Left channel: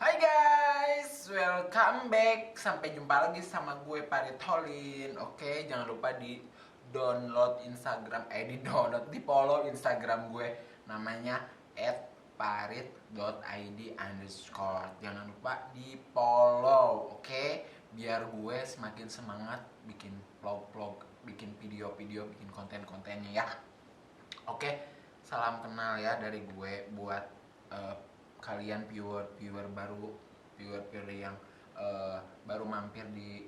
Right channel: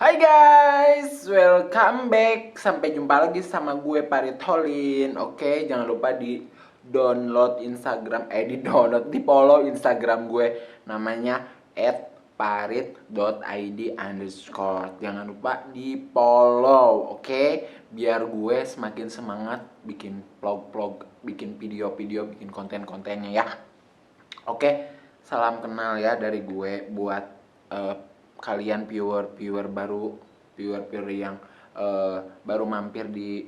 Hai guys, welcome back. Sampai jumpa lagi sama gue Parit Holin. Oke, jangan lupa di download Instagram, di follow Instagram gue. Namanya @parit.id_. Jangan lupa di follow, oke? Biar gue semakin semangat bikin vlog-vlog, bikin video-video, bikin konten-kontennya ya. Oke, salam kenal ya dari gue buat eh, kalian viewer baru, viewer yang baru mampir di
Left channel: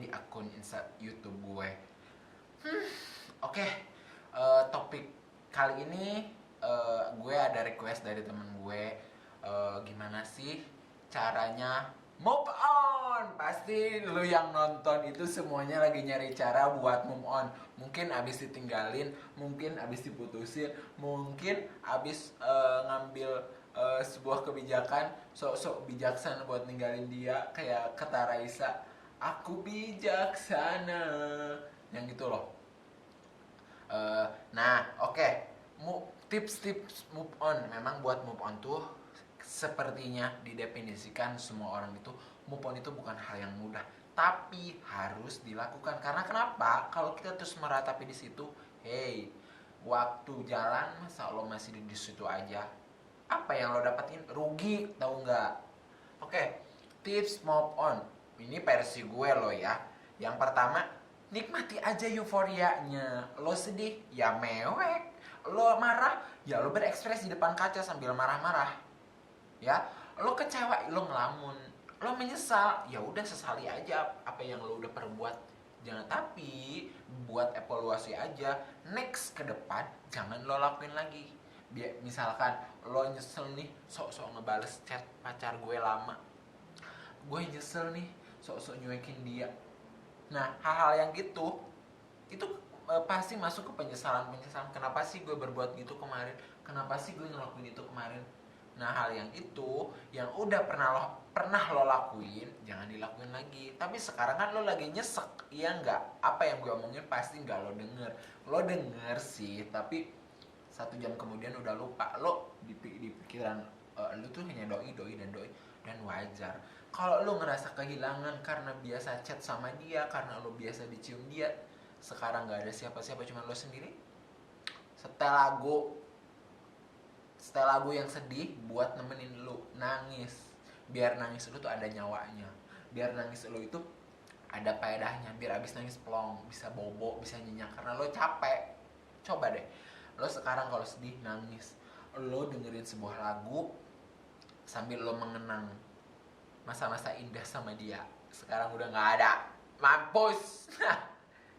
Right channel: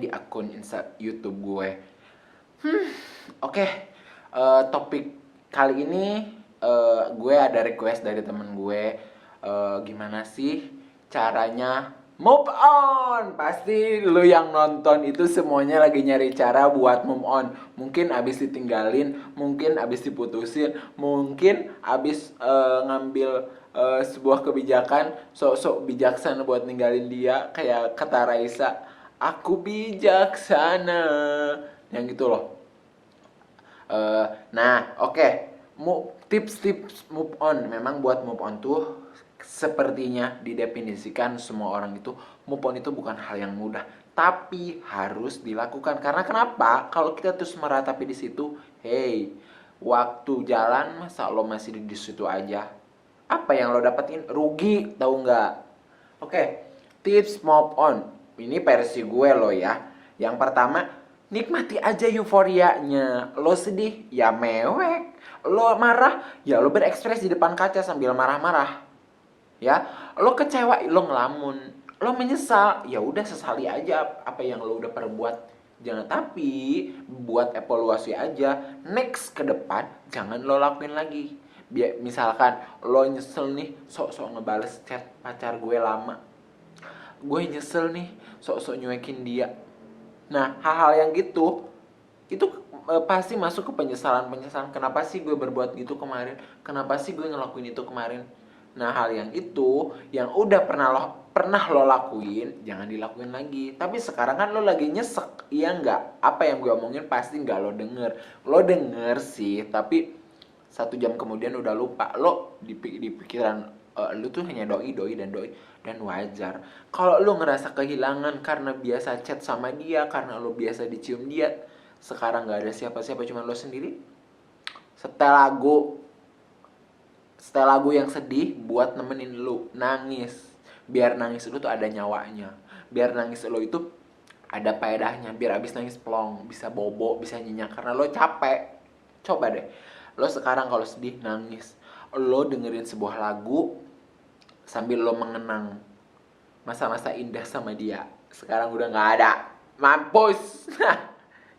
di akun YouTube gue. Oke, topik kali ini gue ada request dari temen gue. Gimana sih caranya move on? Pasti lu yang nonton itu semuanya lagi nyari cara buat move on. Mungkin abis ditinggalin, mungkin abis diputusin, mungkin abis ngambil sebuah kebijakan sok-sok bijaksana buat ninggalin dia. Kayak kata Raisa, aku bijaksana, yang gitu loh. Nah, oke. Tips-tips move on. Memang buat move on tuh sepertinya didefinisikan semua orang itu move on itu bukan hal yang mudah, tapi harus dilakukan. Karena kenapa? Kalau kita terus meratapi di situ, hey, waktu jalan masa lo masih di situ aja? Apa yang lo dapetin? Rugi, tahu nggak? Oke, tips move on. Ini versi gue lo ya. Yang pertama, nikmati aja euforianya. Lo sedih, ya mewek. Lo marah, ya lo berekspresi di depan kaca sambil marah-marah. Ya, lo kecewa, lo ngelamun. Lo menyesal, ya udah sesali aja apa yang lo udah perbuat. Jangan, tapi buat evaluasi aja. Next ke depan jangan lo lakuin lagi. Misalkan lo nyesel nih, sok-sok ngebales chat pacar gue lama. Gue nyesel nih, sok-sok nyuekin dia. Nah, hal-hal yang gitu itu pasti masuk ke penyesalan. Kenapa sih gue berbuat gitu kemarin? Kenapa sih gue ngelakuin itu kemarin? Nah, hal yang itu yang udah pernah lo lakuin, jangan dilakuin lagi. Tapi sekarang kan lo lagi nyesek, iya nggak? Apa yang gue omongin pasti nggak lo denger. Lo denger sih, tapi 1 jam kemudian udah lupa. Lo di pikiran lu tuh hanya doi dan wajar. Kalau lu ngerasa kehilangan karena biasa chat sama dia, karena lu biasa dicium dia, sekarang nggak ada siapa-siapa cuma lo sendiri, setel lagu, yang sedih buat nemenin lu nangis. Biar nangis lu tuh ada nyawanya, biar nangis lu itu ada faedahnya. Biar abis nangis plong, bisa bobo, bisa nyenyak karena lo capek. Coba deh, lo sekarang kalau sedih nangis, lo dengerin sebuah lagu sambil lo mengenang masa-masa indah sama dia. Sekarang udah nggak ada, mampus.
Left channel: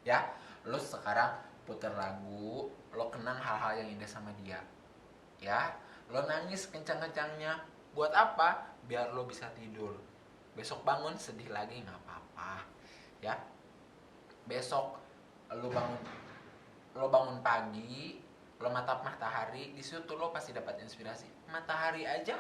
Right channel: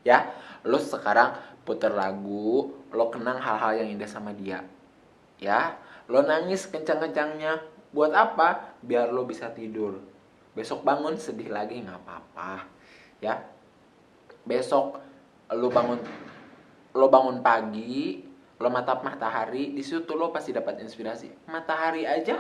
Ya, lo sekarang puter lagu, lo kenang hal-hal yang indah sama dia. Ya, lo nangis kencang-kencangnya. Buat apa? Biar lo bisa tidur. Besok bangun sedih lagi nggak apa-apa. Ya, besok lo bangun pagi, lo matap matahari, di situ lo pasti dapat inspirasi. Matahari aja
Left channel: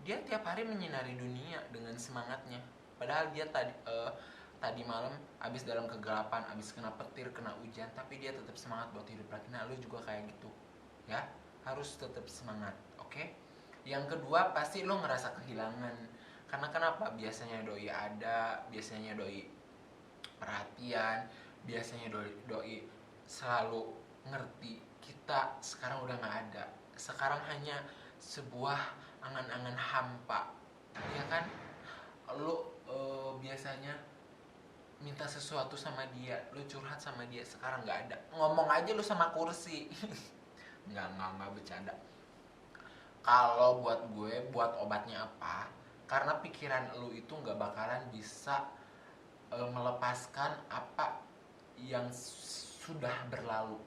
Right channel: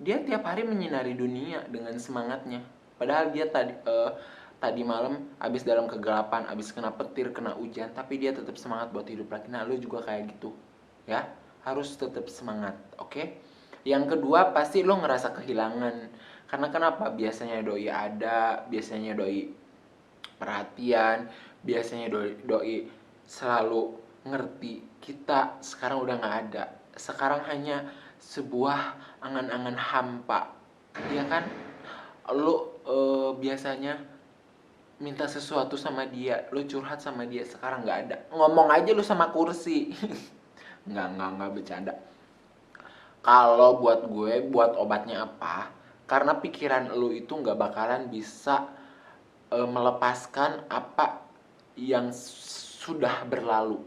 dia tiap hari menyinari dunia dengan semangatnya. Padahal dia tadi malam abis dalam kegelapan, abis kena petir, kena hujan, tapi dia tetap semangat buat hidup lagi. Nah, lu juga kayak gitu. Ya, harus tetap semangat, oke? Yang kedua, pasti lo ngerasa kehilangan. Karena kenapa? Biasanya doi ada, biasanya doi perhatian, biasanya doi selalu ngerti. Kita sekarang udah nggak ada. Sekarang hanya sebuah angan-angan hampa, ya kan? Lo biasanya minta sesuatu sama dia, lo curhat sama dia, sekarang nggak ada. Ngomong aja lo sama kursi. Nggak bercanda. Kalau buat gue, buat obatnya apa? Karena pikiran lo itu nggak bakalan bisa melepaskan apa yang sudah berlalu.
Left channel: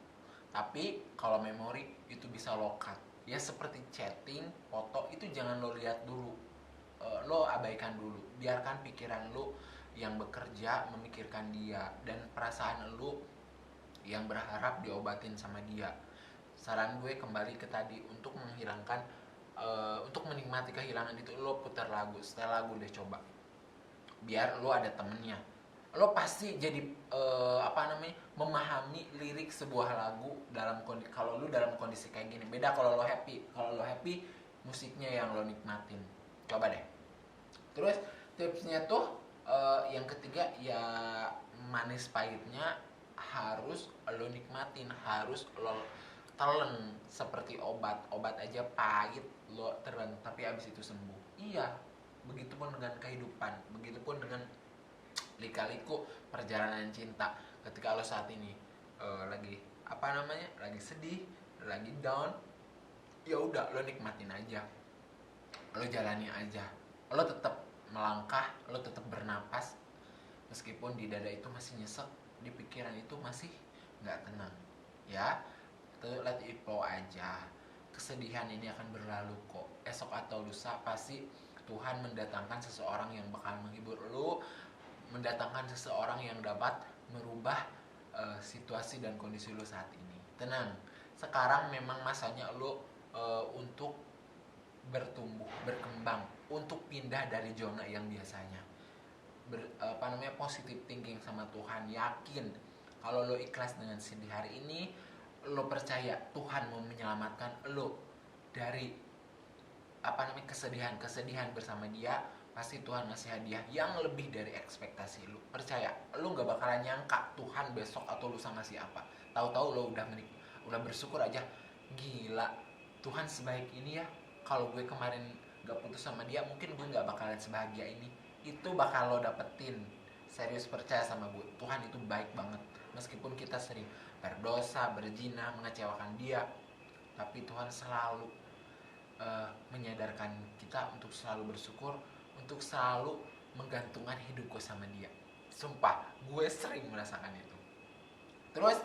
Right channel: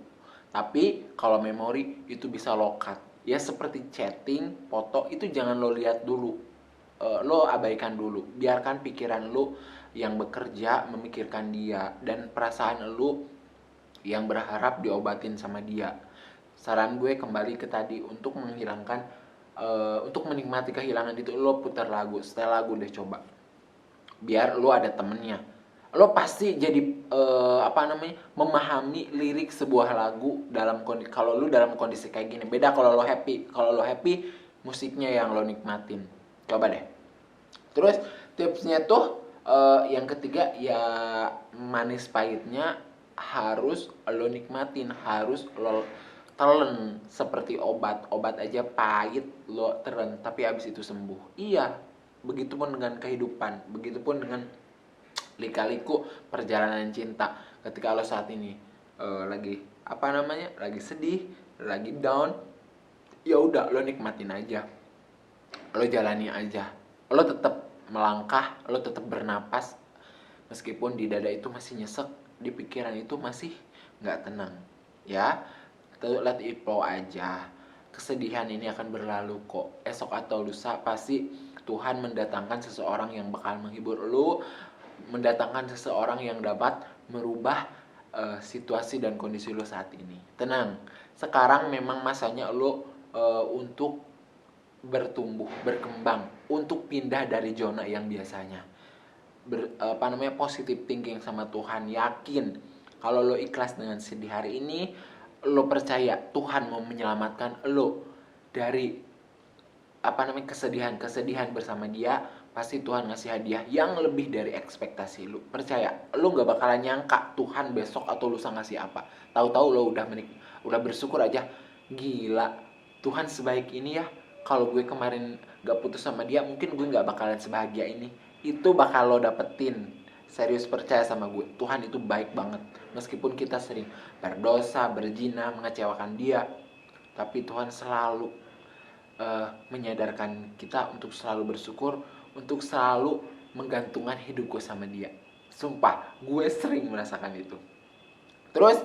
Tapi kalau memori itu bisa lokat. Ya seperti chatting, foto itu jangan lo lihat dulu. Lo abaikan dulu. Biarkan pikiran lo yang bekerja memikirkan dia dan perasaan lo yang berharap diobatin sama dia. Saran gue kembali ke tadi, untuk menghilangkan untuk menikmati kehilangan itu lo putar lagu, setel lagu deh coba. Biar lo ada temennya, lo pasti jadi memahami lirik sebuah lagu dalam kondisi, kalau lo dalam kondisi kayak gini. Beda kalau lo happy. Kalau lo happy musiknya yang lo nikmatin. Coba deh. Terus tipsnya tuh yang ketiga ya, manis pahitnya harus lo nikmatin, harus lo telen seperti obat. Obat aja pahit lo telen tapi abis itu sembuh. Iya, begitupun dengan kehidupan, begitupun dengan lika-liku perjalanan cinta. Ketika lo saat ini lagi apa namanya, lagi sedih, lagi down, ya udah lo nikmatin aja, lo jalani aja, lo tetap melangkah, lo tetap bernapas meskipun di dada itu masih nyesek, di pikiran itu masih nggak tenang, ya. Let it flow aja. Kesedihan ini akan berlalu kok. Esok atau lusa pasti Tuhan mendatangkan seseorang yang bakal menghibur lo, mendatangkan seseorang yang dapat merubah situasi dan kondisi lo saat ini. Tenang, sekarang memang masanya lo untuk bertumbuh, berkembang, untuk pindah dari zona yang biasanya. Positive thinking sama Tuhan, yakin kalau lo ikhlas dengan sedih hari ini, lo percaya Tuhan mau menyelamatkan lo dari kesedihan bersama Dia. Pasti Tuhan ngasih hadiah yang lebih dari ekspektasi lo. Percaya, lo nggak bakalan nyangka Tuhan besok atau lusa ngasih apa. Tahu-tahu lo udah bersyukur aja, gila Tuhan sebaik ini ya. Kalau gue kemarin gak putus sama dia, mungkin gue gak bakalan sebahagia ini. Itu bakal lo dapetin. Serius, percaya sama gue, Tuhan itu baik banget. Meskipun kita sering berdosa, berzina, mengecewakan dia, tapi Tuhan selalu menyadarkan kita untuk selalu bersyukur, untuk selalu menggantungkan hidupku sama dia. Sumpah, gue sering merasakan itu. Terus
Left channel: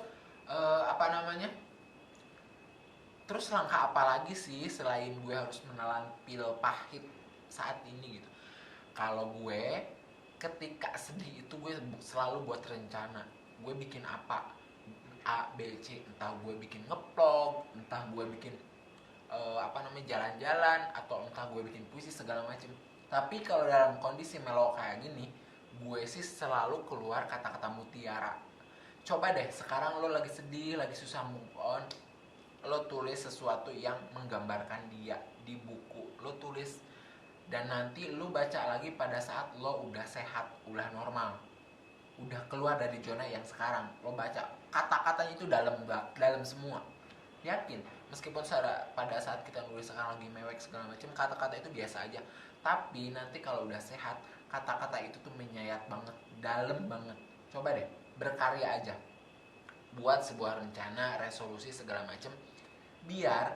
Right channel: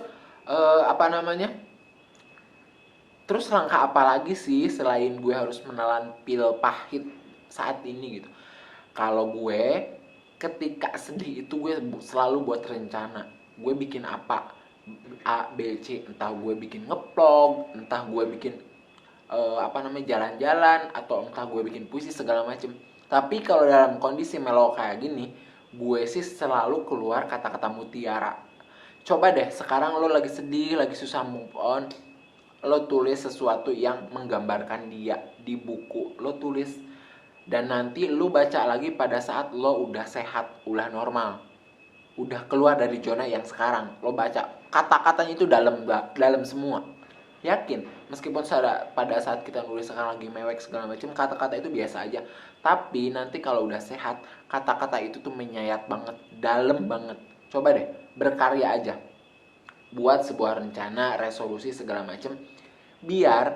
terus langkah apa lagi sih selain gue harus menelan pil pahit saat ini gitu. Kalau gue ketika sedih itu gue selalu buat rencana. Gue bikin apa, A, B, C. Entah gue bikin ngeplog, entah gue bikin jalan-jalan, atau entah gue bikin puisi segala macem. Tapi kalau dalam kondisi melo kayak gini, gue sih selalu keluar kata-kata mutiara. Coba deh, sekarang lo lagi sedih, lagi susah move on, lo tulis sesuatu yang menggambarkan dia di buku. Lo tulis, dan nanti lo baca lagi pada saat lo udah sehat, udah normal, udah keluar dari zona yang sekarang. Lo baca, kata-katanya itu dalam semua. Yakin, meskipun pada saat kita nulis sekarang lagi mewek segala macam, kata-kata itu biasa aja. Tapi nanti kalau udah sehat, kata-kata itu tuh menyayat banget, dalam banget. Coba deh, berkarya aja, buat sebuah rencana, resolusi segala macem, biar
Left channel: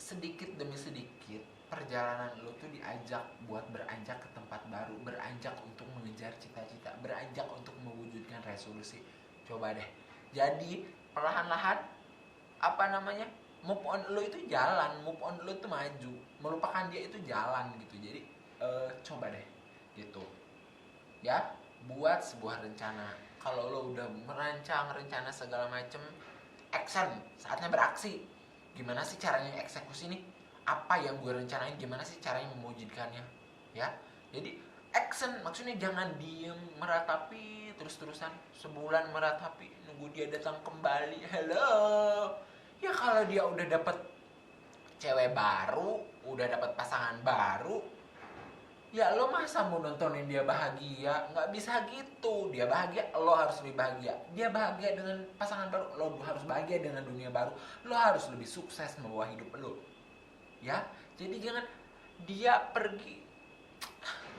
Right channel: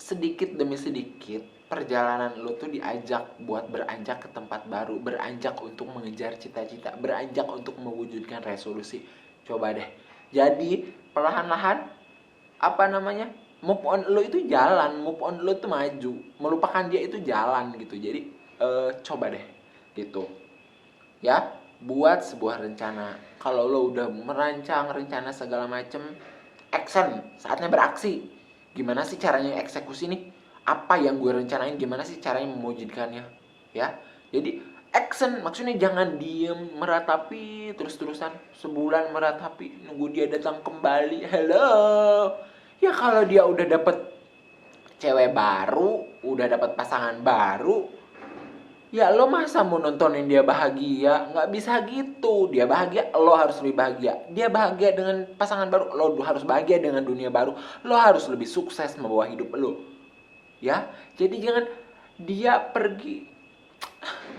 sedikit demi sedikit perjalanan lo tuh diajak buat beranjak ke tempat baru, beranjak untuk mengejar cita-cita, beranjak untuk mewujudkan resolusi. Coba deh, jadi perlahan-lahan move on lo itu jalan, move on lo tuh maju, melupakan dia itu jalan gitu. Jadi coba deh gitu ya, buat sebuah rencana. Kalau lo udah merancang rencana segala macem, action, saatnya beraksi. Gimana sih caranya eksekusi nih? Apa yang gue rencanain, gimana sih caranya mewujudkannya? Ya, jadi action, maksudnya jangan diem meratapi terus-terusan, sebulan meratapi nunggu dia datang kembali. Hello, ya kalau dia udah dapet cewek baru, udah dapet pasangan baru, ya lo masa mau nontonin dia bahagia? Nggak bisa gitu. Dia bahagia, lo harus lebih bahagia. Dia bahagia dengan pasangan baru, lo harus bahagia dengan dunia baru. Lo harus lebih sukses membawa hidup lo. Ya, jadi jangan dia pergi,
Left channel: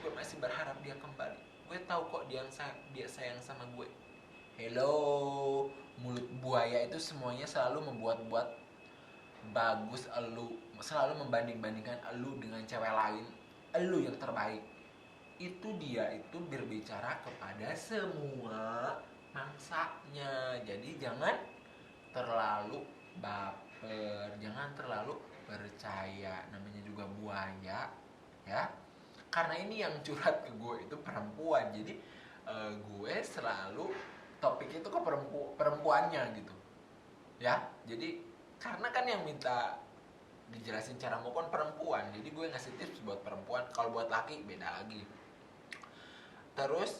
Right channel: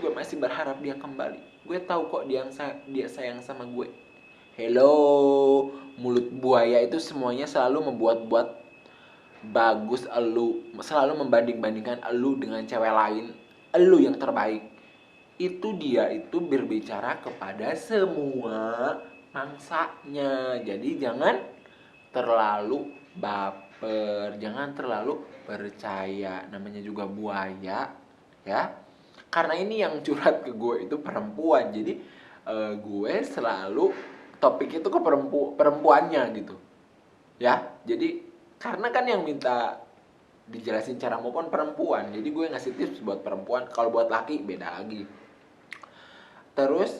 gue masih berharap dia kembali. Gue tahu kok dia sayang sama gue. Hello, mulut buaya itu semuanya selalu membuat-buat bagus elu, selalu membanding-bandingkan elu dengan cewek lain, elu yang terbaik. Itu dia itu berbicara kepada semua mangsanya. Jadi jangan terlalu baper, jangan terlalu percaya, namanya juga buaya ya. Karena ini yang curhat ke gue itu perempuan, jadi gue selalu topik itu ke perempuannya gitu ya. Jadi karena kan yang minta dijelasin cara move on perempuan, jadi gue ngasih tips buat perempuan. Kalau buat laki beda lagi. Terus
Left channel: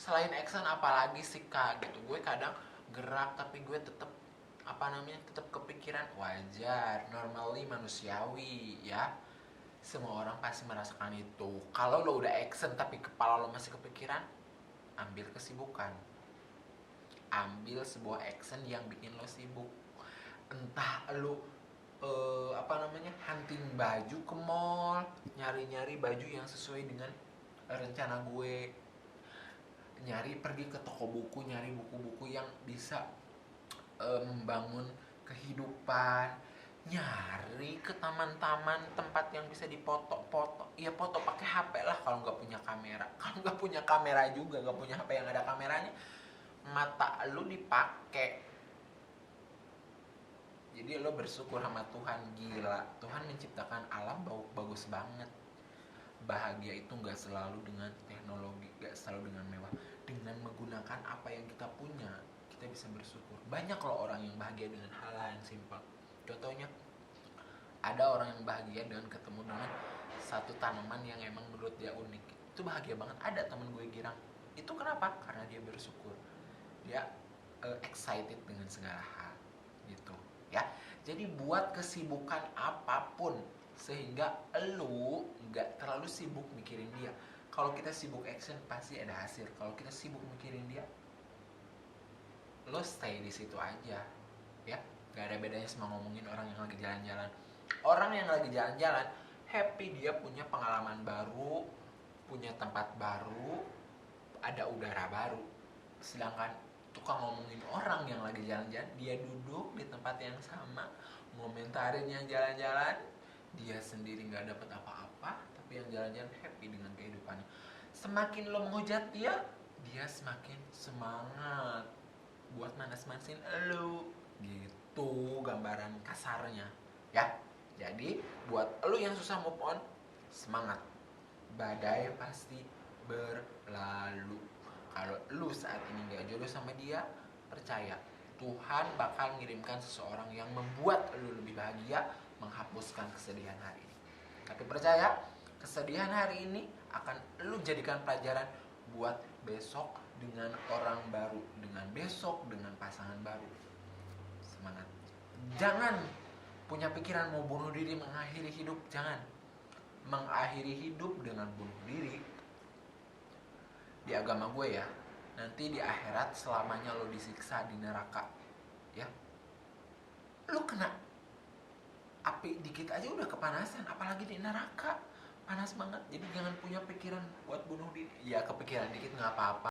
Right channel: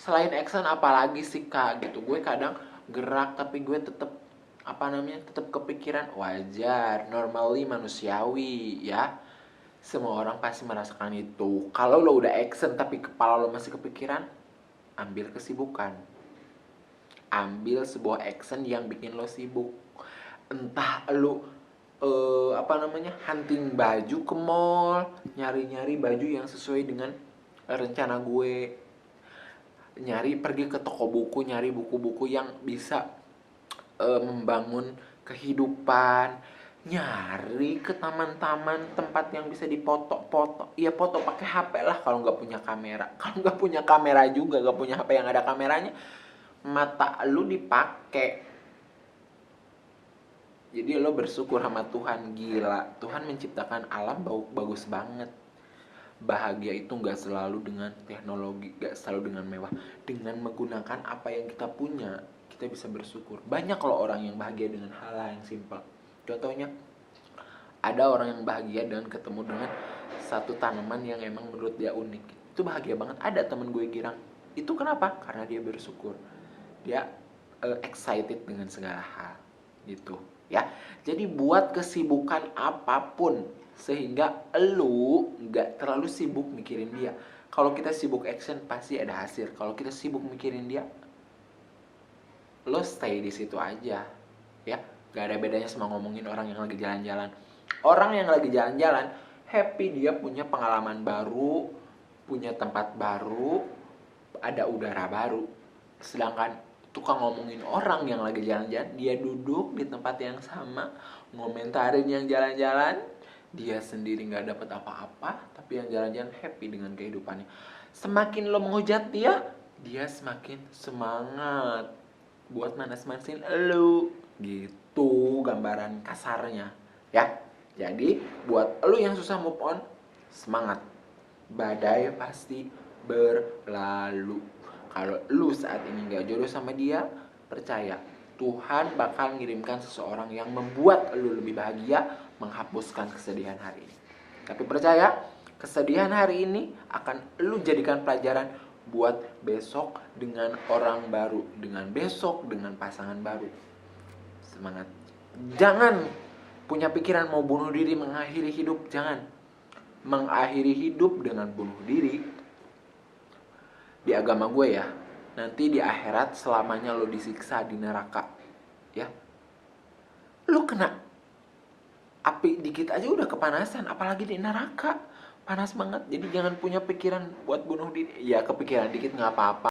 selain action apalagi sih kak gitu. Gue kadang gerak tapi gue tetep tetap kepikiran, wajar, normally manusiawi ya. Semua orang pasti merasakan itu. Kalau lo udah action tapi kepala lo masih kepikiran, ambil kesibukan. Ambil sebuah action yang bikin lo sibuk. Entah lo hunting baju ke mall, nyari-nyari baju yang sesuai dengan rencana gue, nyari pergi ke toko buku, nyari buku-buku yang bisa membangun kehidupan, nyari ke taman-taman tempat yang bisa dipoto-foto. Ya foto pakai HP lah kalau nggak punya kamera. Kalau nggak punya kamera juga, nggak punya HP yang ada kameranya, mata lu dipakai. Jadi lo bersyukur sama Tuhan. Gila, Tuhan menciptakan alam bagus banget. Bahagia itu nggak selalu dengan teknologi, nggak selalu dengan mewah. Dengan menggunakan apa yang kita punya, kita bisa bersyukur. Banyak loh orang yang bahagia dengan hal-hal yang simpel. Contohnya, ada orang yang bahagia dengan ketemu dengan satu tanaman yang emang menurut dia unik. Itu bahagia banget. Ada temen gue girang. Itu kenapa? Karena dia bersyukur. Dia excited dengan segala hal. Gitu ya. Jadi buat kesibukan apapun sehingga lu nggak terlalu sibuk mikirin dia. Kalau kita sibuk action pasti ada hasil. Kalau kita sibuk mikirin dia, lo stay di situ aja ya. Gak ada bedanya sama ngomongin orang yang lagi jalan-jalan. Orang yang lagi jalan-jalan happy, dia punya pengalaman baru, punya tempat baru, ada udara baru. Sedangkan tukang ngomongin orang yang lagi jalan-jalan, dia duduk di tempat yang sama, ngomentarin yang jalan-jalan, dia sendiri nggak dapat apa-apa, tapi yang jalan-jalan happy dengan kehidupannya. Semakin lo menghujat dia, dia semakin semangat buat manas-manasin lo. Gitu gambaran kasarnya ya. Jadi buat lo yang susah move on, semangat. Badai pasti berlalu. Kalau lu saat ini gak jodoh sama dia, percaya Tuhan bakal ngirimkan seseorang yang membuat lu lebih bahagia, menghapuskan kesedihan hari ini. Tapi percaya, kesedihan hari ini akan lu jadikan pelajaran buat besok dengan orang baru, dengan besok dengan pasangan baru. Semangat. Jangan punya pikiran mau bunuh diri, mengakhiri hidup, jangan. Mengakhiri hidup dengan bunuh diri, di agama gue ya, nanti di akhirat selamanya lo disiksa di neraka ya. Lo kena api dikit aja udah kepanasan, apalagi di neraka panas banget. Jadi jangan punya pikiran buat bunuh diri. Ya kepikiran dikit nggak apa-apa.